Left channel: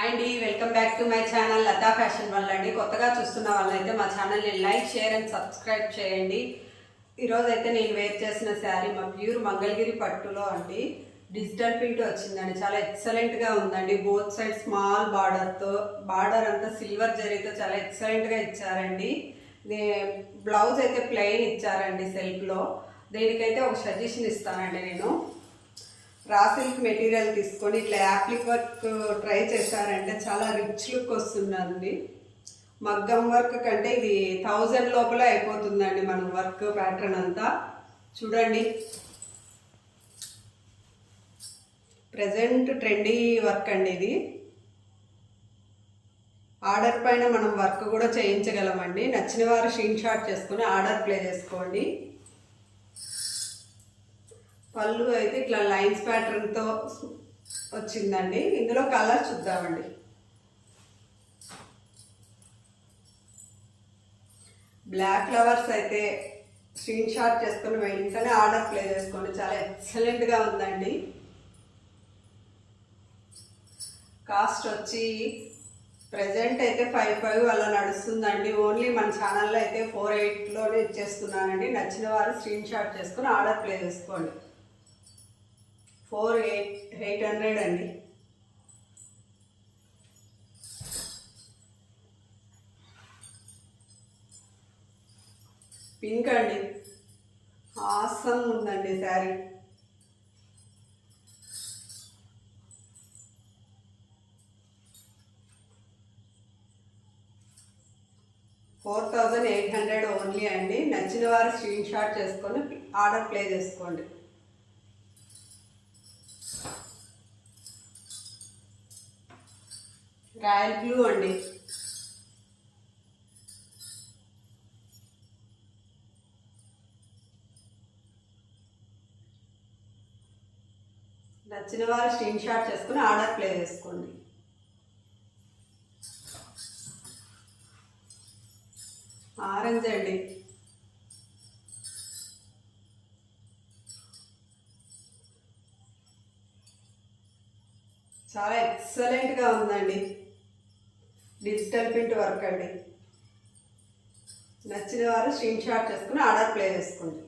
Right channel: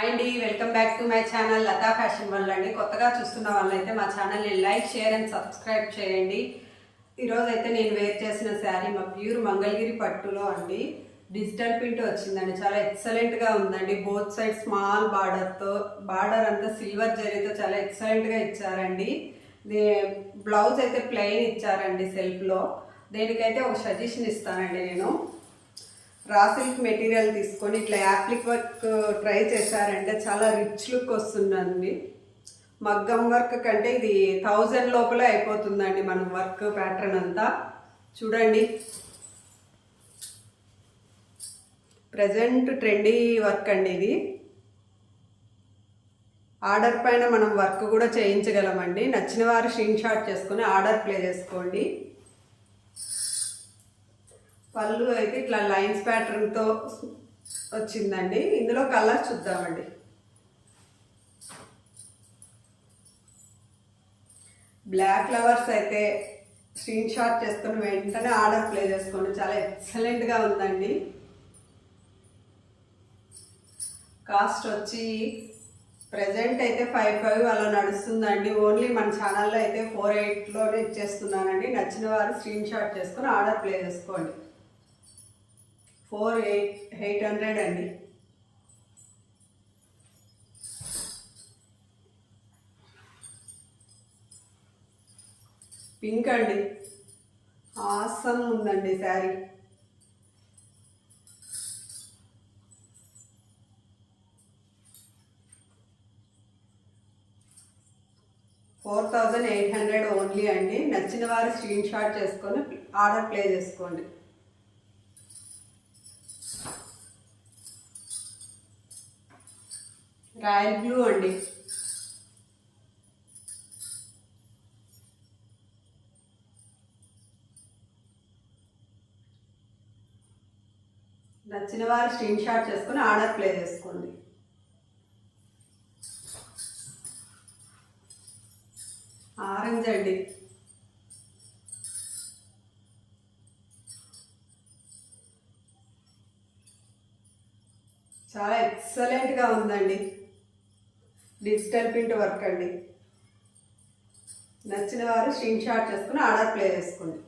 అండి welcome back to my channel Lata fashion world అండి. కొత్తగా చూస్తున్న వాళ్ళైతే మా ఛానల్ని లైక్ షేర్ అండ్ సబ్స్క్రైబ్ చేయండి. ఈరోజు అయితే నేను వేర్ చేసిన శారీ మా ప్యూర్ మంగళగిరి పట్టులో అండి. డిజిటల్ ప్రింట్ వచ్చిందండి. చాలా ఎక్సలెంట్గా ఉందండి. బోత్ సైడ్ స్మాల్ బార్డర్తో, బార్డర్ అంతా సిల్వర్ జరీతో చాలా ఎక్సలెంట్గా ఇచ్చారండి. బ్లౌజ్ అయితే ప్లెయిన్ ఇచ్చారండి సెల్ఫ్లో. దేనికైతే ఒక సజెషన్ ఇస్తానండి. నేను రా సిల్క్ మెటీరియల్ తీసుకొని ఇట్లా యాప్లిక్ వర్క్ ట్రై చేశారంటే చాలా రిచ్ లుక్ వస్తుందండి. మగ్గం వర్క్ కంటే ఇది 1000 లోపలే అయిపోతుందండి మన వర్క్ ప్యాటర్న్ అంతా. చూడండి, ప్రజెంట్ ట్రెండీ వర్క్ అండి ఇది. ఆర్డర్ పైన మనం వర్క్ కూడా చేయించగలమండి. నచ్చిన వారు స్క్రీన్ షాట్ చేసుకొని ఆర్డర్ ప్లే చేసుకోండి. పళ్ళు అయితే ఇట్లా లైన్స్ ప్యాటర్న్తో వచ్చిందండి. ఇందులో కలర్ చూద్దామండి. బ్లాక్ ఫ్లవర్స్ అయితే స్క్రీన్ షాట్ చేసుకొని వెంటనే ఆర్డర్ ప్లే చేసుకోండి. చాలా ఎక్సలెంట్గా ఉందండి. కాస్ట్ వచ్చి ప్రజెంట్ అయితే 55 అలా నడుస్తుందండి. ఓన్లీ మన ఛానల్లో అయితే 48లోనే ఇచ్చేస్తున్నానండి. నచ్చిన వారు స్క్రీన్ షాట్ చేసుకొని ఆర్డర్ ప్లే చేసుకోండి. 800 అండి. పింక్ అండి, ఆసమ్ ఉందండి శారీ. $4800 ఓన్లీ అండి. నచ్చిన వారు స్క్రీన్ షాట్ చేసుకొని ఆర్డర్ ప్లే చేసుకోండి. రాయల్ బ్లూ అండి. నచ్చిన వారు స్క్రీన్ షాట్ చేసుకుని ఆర్డర్ ప్లే చేసుకోండి. ఆరెంజ్ అండి. చాలా ఎక్సలెంట్గా ఉందండి. డిజిటల్ ప్రింట్ వర్క్ అండి. నచ్చిన వారు స్క్రీన్ షాట్ చేసుకుని ఆర్డర్ ప్లే చేసుకోండి.